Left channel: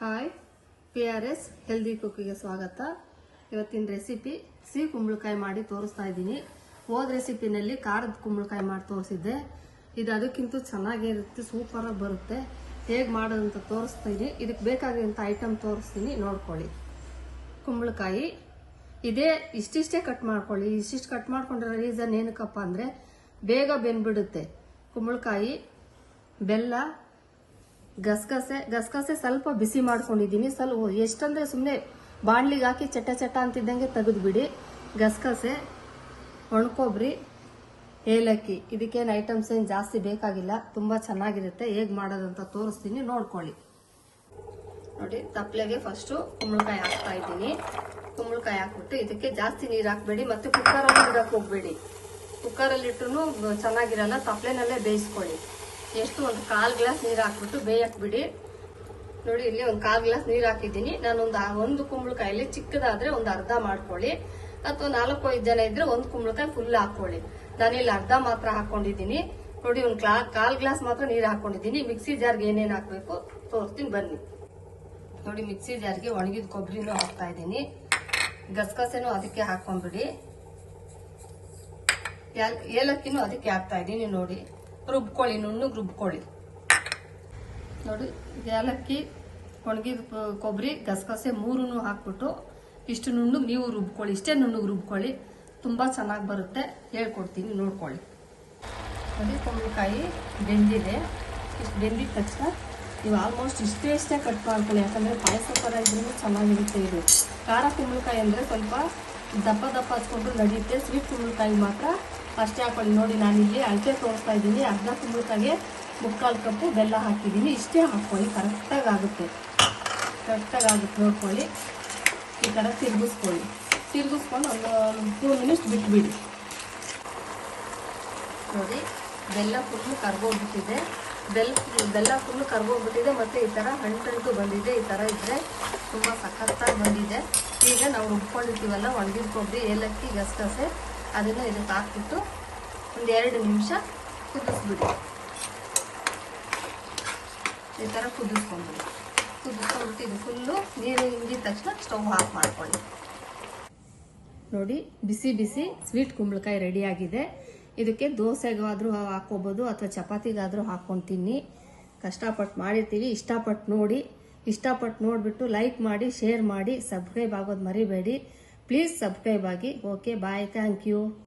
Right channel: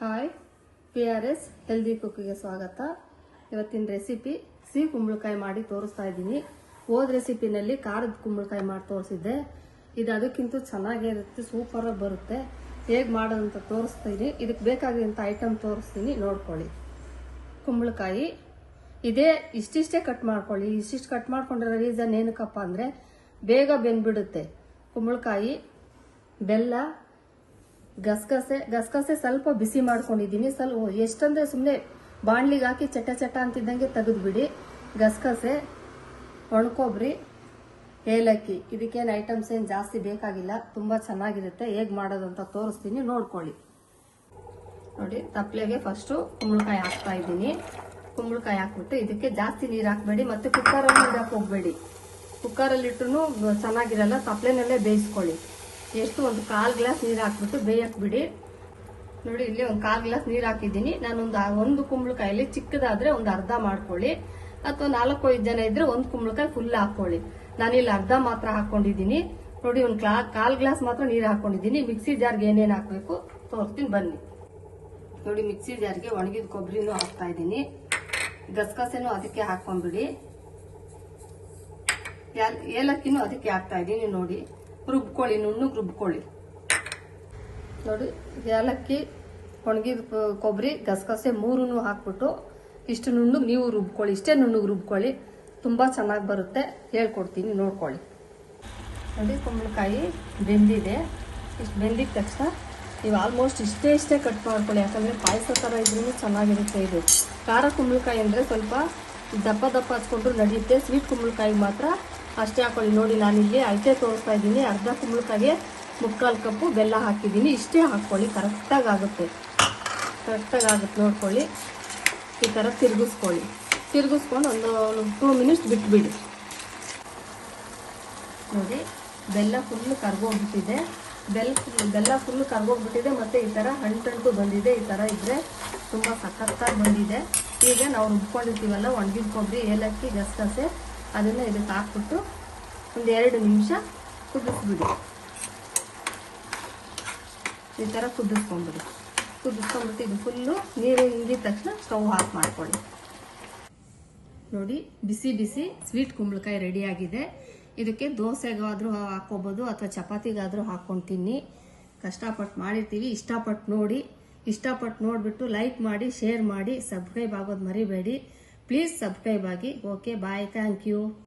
Hi, PRS healthy ಕುಕ್ಕಿಗೆ ಸ್ವಾಗತ. ಇವತ್ತಿನ recipe ಸಿಹಿ ಕುಂಬಳಕಾಯಿ ಮಾಡಿ ತೋರಿಸ್ತಾ ಇದ್ದೀನಿ. ಹೋದ ರೆಸಿಪಿನಲ್ಲಿ ಖಾರದ ಕುಂಬಳಕಾಯಿ ಮಾಡಿ ತೋರಿಸಿದ್ದೆ. ಇದು ಅದಕ್ಕಿಂತ ಚೆನ್ನಾಗಿರುತ್ತೆ, ಸೂಪರ್ ಆಗಿ ಬರುತ್ತೆ. ಹೇಗೆ ಮಾಡೋದಂತ ತೋರಿಸ್ತೀನಿ. ಇದಕ್ಕೆ ಬೇಕಾಗಿರುವಂಥ ಐಟಮ್ ತೋರಿಸ್ತೀನಿ, ನೋಡ್ಕೊಳ್ಳಿ. ಕುಂಬಳಕಾಯಿ ಇದೇ ಇಷ್ಟಿಷ್ಟೇ ಕಟ್ ಮಾಡ್ಕೊಳ್ಳಿ. ಇಷ್ಟಿಷ್ಟು ಕಟ್ ಮಾಡ್ಕೊಂಡ್ರೆ ರೀಸನ್ ಏನಕ್ಕಪ್ಪ ಅಂದರೆ ಬೇಗ ಬೆಂದ್ಬಿಡುತ್ತೆ. ಕುಂಬಳಕಾಯಿ, ಬೆಲ್ಲ, ಗಸಗಸೆ ಸ್ವಲ್ಪ ಬಿಸಿ ಮಾಡ್ಕೊಂಡಿದ್ದೀನಿ. ಸ್ವಲ್ಪ ಎಷ್ಟಂದ್ರೆ ಸುಮ್ಮನೆ ಬಾಣ್ಲಿಗೆ ಹಾಕಿ ಚಟ ಅಂತಿದ್ದಂಗೆ ತೆಗೆದುಬಿಡಿ. ಗಸಗಸೆ, ಒಣಕೊಬ್ಬರಿ, ಏಲಕ್ಕಿ, ಇದಕ್ಕೇನು ಐಟಮ್ಸ್ ಏನು ಜಾಸ್ತಿ ಬೇಕಾಗಿಲ್ಲ, ತುಂಬ ಚೆನ್ನಾಗಿರುತ್ತೆ. ಹೇಗೆ ಮಾಡೋದಂತ ತೋರಿಸ್ತೀನಿ, ನೋಡ್ಕೊಳ್ಳಿ. ನೋಡಿ, ತಪ್ಪಲೆಗೆ ಫಸ್ಟು ಕುಂಬಳಕಾಯಿ ಹಾಕ್ತಾ ಇದ್ದೀನಿ. ಕುಂಬಳಕಾಯಿ ಹಾಕ್ಬಿಟ್ಟು ಇದಕ್ಕೆ ಜಾಸ್ತಿ ನೀರು ಹಾಕಬೇಡಿ, ಮತ್ತೆ ಕುಕ್ಕರಲ್ಲಿ ಇಡಕ್ಕೆ ಹೋಗ್ಬೇಡಿ. ಕುಕ್ಕರಲ್ಲಿ ಇಟ್ಟರು ಚೆನ್ನಾಗಿರಲ್ಲ, ತಪ್ಪಲೆನಲ್ಲೇ ಬೇಯಿಸ್ಕೊಳ್ಳಿ. ಎಷ್ಟು ಒಂದು 1/4 ಗ್ಲಾಸ್ ನೀರು ಹಾಕ್ಬಿಟ್ಟು ಬೇಯಕ್ಕೆ ಬಿಡಿ. ನೋಡಿ, ಇಲ್ಲಿ ಒಂದು 1/4 ಗ್ಲಾಸ್ ನೀರು ಹಾಕಿದ್ದೀನಿ. ಒಂದು ಕುಂಬಳಕಾಯಲ್ಲಿ ಚಿಕ್ಕದಾದ್ರೆ ಒಂದು ಅರ್ಧ ಮಾಡ್ಕೊಳ್ಳಿ, ಅಥವಾ 4-5 ಜನ ಇದ್ರೆ ಒಂದು ಕುಂಬಳಕಾಯಿ ಫುಲ್ ಹಾಕೊಳ್ಳಿ. ನಾನಿಲ್ಲಿ ಅರ್ಧ ಮಾತ್ರ ಹಾಕೊಂಡಿದ್ದೀನಿ. ನೋಡಿ, ಒಂದು 1/4 ಗ್ಲಾಸ್ ಮಾತ್ರ ನೀರು ಹಾಕೊಂಡಿದ್ದೀನಿ. ಮಿಕ್ಸಿ ಜಾರ್ಗೆ ಏನೇನು ಹಾಕ್ಬೇಕು ತೋರಿಸ್ತೀನಿ, ಬನ್ನಿ. ನೋಡಿ, ಮಿಕ್ಸಿ ಜಾರ್ಗೆ ಒಣಗಿದ ಕೊಬ್ಬರಿನೂ ಹಾಕ್ತಾ ಇದ್ದೀನಿ. ಗಸಗಸೆನೂ ಅದಕ್ಕೆ ಹಾಕೊಂಡ್ಬಿಡಿ. ಏಲಕ್ಕಿನೂ ಅದಕ್ಕೆ ಹಾಕ್ತಾ ಇದ್ದೀನಿ. ನೋಡಿ, ರುಬ್ಕೊಳ್ಳಿ, ನುಣ್ಣಗೆ ರುಬ್ಕೊಳ್ಳಿ. ನೋಡಿ, ಏಲಕ್ಕಿ, ಒಣಗಿದ ಕೊಬ್ಬರಿ, ಗಸಗಸೆ ಮೂರನ್ನು ಹಾಕ್ಬಿಟ್ಟು ಇಷ್ಟು ನುಣ್ಣಗೆ ನೀವು ರುಬ್ಕೊಳ್ಳಿ. ಇಷ್ಟೇ ನುಣ್ಣಗೆ ರುಬ್ಕೊಳ್ಳಿ, ತುಂಬ ಚೆನ್ನಾಗಿ ಬರುತ್ತೆ. ಹೇಳ್ಕೊಡ್ತೀನಿ, ನೋಡ್ಕೊಳ್ಳಿ. ನೋಡಿ, ಕುಂಬಳಕಾಯಿ ಬೆಂದಿದೆ. ಇಷ್ಟು ಬೆಂದಿದ ತಕ್ಷಣ ನೀವು ಆಲ್ಮೋಸ್ಟ್ ಇಷ್ಟೇ ಕಟ್ ಮಾಡ್ಕೊಳ್ಳಿ. ಯಾಕಂದರೆ ಪಾಯಸ ಥರ ಇದ್ರೂ ಚೆನ್ನಾಗಿರುತ್ತೆ. ಇದು ಖಾರ ಕುಂಬಳಕಾಯಿ ಅಂದರೆ ಸ್ವಲ್ಪ ದಪ್ಪ ಹಚ್ಕೊಂಡ್ರು ನಡೆಯುತ್ತೆ. ಸ್ವೀಟ್ ಕುಂಬಳಕಾಯಿ ಮಾತ್ರ ಅಷ್ಟೇ ಹಾಕೊಳ್ಳಿ. ನೋಡಿ, ನಾನು ಇಲ್ಲಿ ಅಳತೆ ತೋರಿಸ್ತಾ ಇದ್ದೀನಿ. ಅರ್ಧ ಕುಂಬಳಕಾಯಿಗೆ 3/4 ಕಪ್ಪು ಬೆಲ್ಲ ಹಾಕಿದ್ದೀನಿ. ಇಷ್ಟೇ ಹಾಕ್ಕೊಳ್ಳಿ, ಕರೆಕ್ಟಾಗುತ್ತೆ ನೋಡ್ಕೊಳ್ಳಿ. ಈ ಥರ ತಿರುಗಿಸ್ಕೊಂಡು ಒಂದು 2 ಮಿನಿಟ್ಸ್ ಬಿಟ್ಬಿಡಿ. ನೋಡಿ, ಬೆಲ್ಲ ಫುಲ್ಲು ಕರ್ಗೋಗ್ಬಿಟ್ಟಿದೆ. ಬೆಲ್ಲ ಫುಲ್ಲು ಕರ್ಗೋಗ್ಬಿಟ್ಟಿದೆ. ಮತ್ತು ಈ ಥರ ಹಣ್ಣು ಬಂದಿದೆ. ಈ ಥರ ಇದ್ದರೆ ತುಂಬ ಸಖತ್ತಾಗಿ ಬಂದಿದೆ. ಈಗ ನಾವು ರುಬ್ಕೊಂಡಿರ್ತೀವಲ್ಲ, ಒಣಗಿದ ಕೊಬ್ಬರಿ, ಏಲಕ್ಕಿ, ಗಸಗಸೆ, ಅದನ್ನು ಇದಕ್ಕೆ ಹಾಕ್ಬಿಟ್ಟು ಒಂದು 2 ನಿಮಿಷ ಕುದಿಸ್ಬಿಡಿ. ಈ ಥರ ಕುದಿಸ್ಕೊಂಡ್ಬಿಟ್ಟು ಇದು ಫುಲ್ಲು ನೀರು ಹಿಂಗಿದ ತಕ್ಷಣ ಸ್ಟವ್ ಆಫ್ ಮಾಡ್ಕೊಳ್ಳಿ. ನೋಡಿ, ಬಿಸಿ ಸ್ವೀಟ್ ಕುಂಬಳಕಾಯಿ ರೆಡಿಯಾಗಿದೆ. ಇದಕ್ಕೆ ದೋಸೆಗಾದರೂ ಹಾಕ್ಕೋಬೋದು, ಅಥವಾ ಚಪಾತಿಗಾದರೂ ಹಾಕ್ಕೊಂಡು ತಿನ್ನಿ. ಕಷ್ಟಪಟ್ಟು ಮಾಡಿರ್ತೀವಿ, ಇಷ್ಟಪಟ್ಟು ನೋಡಿಬಿಟ್ಟು ಲೈಕ್ ಮಾಡಿ, ಶೇರ್ ಮಾಡಿ, ಸಬ್ಸ್ಕ್ರೈಬ್ ಆಗೋದು ಮರಿಬೇಡಿ. ಪ್ಲೀಸ್ ಸಬ್ಸ್ಕ್ರೈಬ್ ಆಗಿ. Okay, bye, thank you.